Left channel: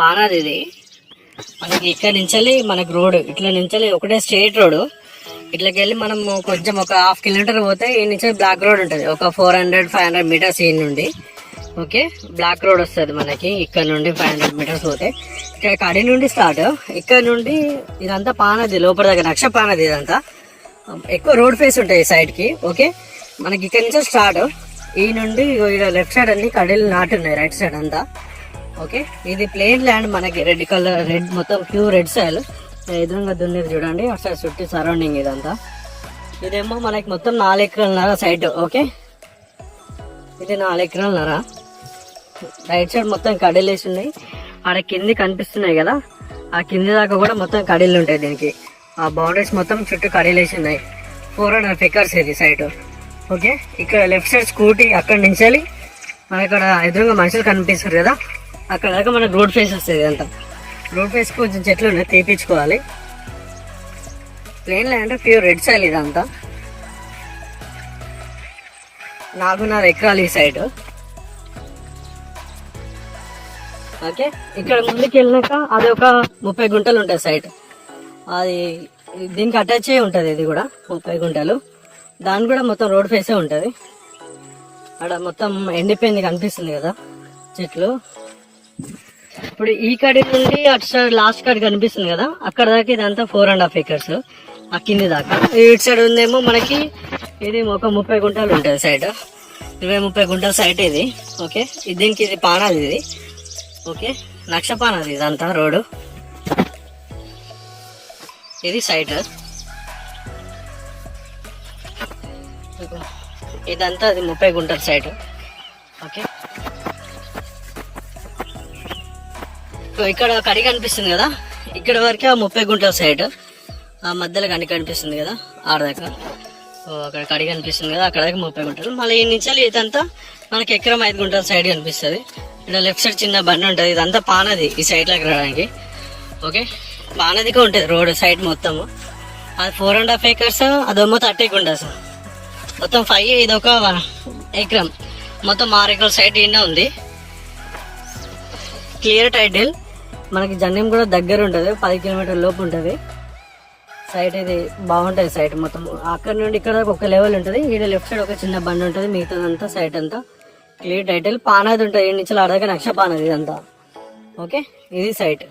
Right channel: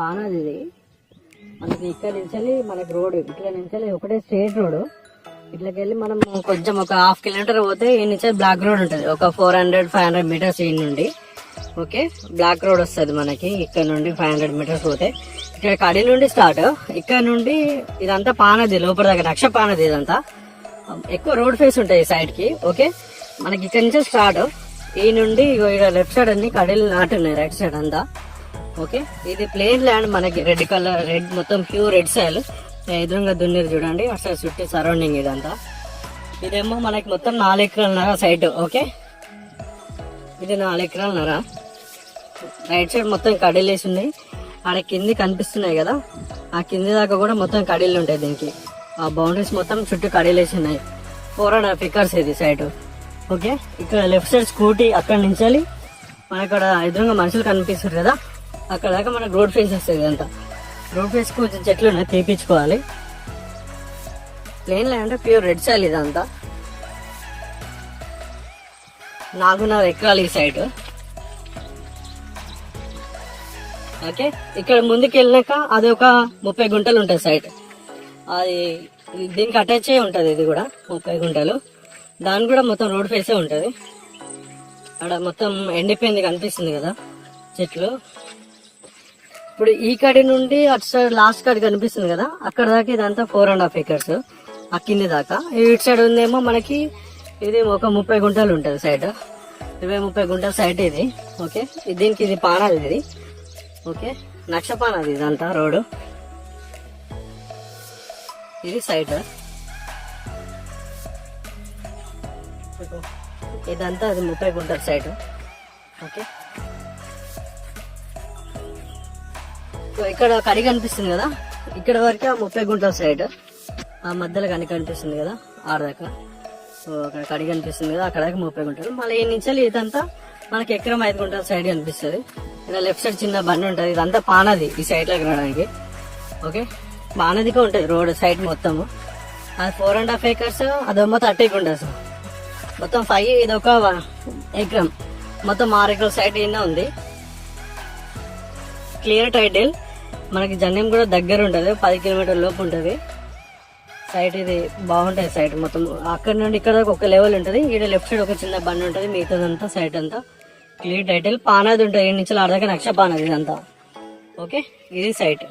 పానాది ఇది. మనకి ఇక్కడ నుంచి మనకి రోడ్ ఇట్లా నుంచి ఒకటే స్ట్రైట్ రోడ్. ఇట్లకి వెళ్ళి మనం కొంచెం ఒక 1/2 కిలోమీటర్ పోతే ఈ నుంచి బ్లాక్ రోడ్ ఉంటుంది. ఒక 400-500 మీటర్స్ ఈ నుండి ఓకే బ్లాక్ రోడ్ వస్తుంది మనకి. ఇక్కడ నుండి 500 మీటర్స్ పోతే ఇక్కడ కడి నుండి స్టార్ట్. ఇక్కడ నుండి ఇదంతా పానది లోపల దగ్గర రక్ష పానది. ఇదంతా ఎక్కువ రోడ్ ఫేస్ ఉంటాయి ఈ సైడ్ కి. ఓకే మనకి ఇక్కడ నుంచి స్టార్ట్. ఈ నుండి లెఫ్ట్ సైడ్ అన్ని కడీలు నాటి ఉన్నాయి రైట్ సైడ్ అంతా. ఓకే ఇది ప్లేన్ ల్యాండ్ మనకి రెడ్ కలర్, రెడ్ మొత్తం ప్యూర్ రెడ్ సాయిల్. ఎదురుగా దున్నేది చూడండి అసలు చుట్టూ సరౌండింగ్ ఇదంతా. ఇదేమో మనకి మొత్తం 4 ఎకరాలన్నర సైడ్. ఓకే ఇది 4 ఎకరాలన్నర. రైట్ సైడ్ మొత్తం కడీలు వేసి ఉన్నాయి. ఆడ కింది కనిపిస్తున్నాయి కదా, ఆ కింది దాకా కూడా మొత్తం కడీలు ఉంటాయి దీనికి. ఆ బౌండరీస్ మొత్తం చుట్టూ కడీలు వేసి ఉన్నాయి. 400 ఎకర్స్ ఇది సైడ్. ఓకే ఇక్కడ లెఫ్ట్ సైడ్ స్కూటీ అక్కడ నుంచి మన ఇక్కడ ఎదురుగా మనుషులు కనిపిస్తారు కదా, అక్కడ దాకా మనకు రోడ్ ఫేస్ వస్తుంది. అంతా రోడ్ ఫేస్ కొంచెం చెట్లు ఉన్నాయి తీపించుకోవాలి. Plain land pure red soil ఇదంతా. 4.5 ఎకరాలు ఈ సైడ్. ఓకే ఇక్కడ ముందుకు వెళ్ళినాక అది ఒక 30 గుంటలు ఉంటుంది సైడ్. అది దీనికి అటాచ్ అయి ఉంటుంది. ఇది కూడా 30 గుంటలు. దాని కూడా మొత్తం రోడ్ ఫేసే ఉంటుంది. అక్కడ మొత్తం ఎండిపోయింది కనిపిస్తుంది కదా చెట్లు. ఇప్పుడు ఈ కడి నుండి అటు సైడ్ లాస్ట్ కడి కనిపిస్తుంది కదా, అక్కడ దాకా ఇదంతా 4.5 ఎకర్స్ ఆ కింది దాకా. ఇటు సైడ్ ఉందేమో మనకి ఇది ఒక 30 గుంటలు ఉంటుంది సైడ్. 20-30 గుంటల సైడ్ ఇది. ఓకే దీనికి ఇది పానది ఇది. ఓకే నక్షపానది ఇదంతా రోడ్డు. ఇది సైడ్. ఇదంతా అది 30 గుంటల సైడ్. ఓకే ఇక్కడ కడి కనిపిస్తుంది కదా, ఇక్కడ వరకే ఆ 30 గుంటల సైడ్. ఆ మధ్యలో కడి కనిపిస్తుంది కదా ఆడ దగ్గర. సో అక్కడ కడి కనిపిస్తుంది కదా, అక్కడ దాకా 30 గుంటలు. మళ్ళీ ఈ నుంచి ఇదంతా మనకి ఎకరం 5 గుంటల సైడ్ కనిపిస్తుంది. ఇక్కడ లెఫ్ట్ సైడ్ చిన్న బండి ఉంటుంది. ఇదంతా పానది ఈ సైడ్లోకి రావడానికి. ఓకే పానదిగా ఉంటుంది రోడ్ సైడ్ మొత్తము. అది 4.5 ఎకర్స్, అదేమో 30 గుంటస్. మొత్తం 5, ఇది ఒక ఎకరం. మొత్తం 6 ఎకరాల సైడ్ ఈయన ఉంది. Clear title. మనకి జన్యం కూడా దగ్గర ఉంటుంది, 10 కిలోమీటర్ల లోపు ఉంటుంది సైట్. ఇది బాగుంటుంది సైట్ మొత్తం. అక్కడ నుండి ఇక్కడ ఒక లెవెల్ ఉంటుంది. ఈ లెఫ్ట్ సైడ్ ఒక చిన్న బండి ఉంటుంది. మిగతాదంతా సైట్ అంతా క్లియర్ టైటిల్. పానది ఉంటుంది. ఈ నుంచి ఆడదాకా నక్ష పానది ఇదంతా. ఓకే ఇది సైట్.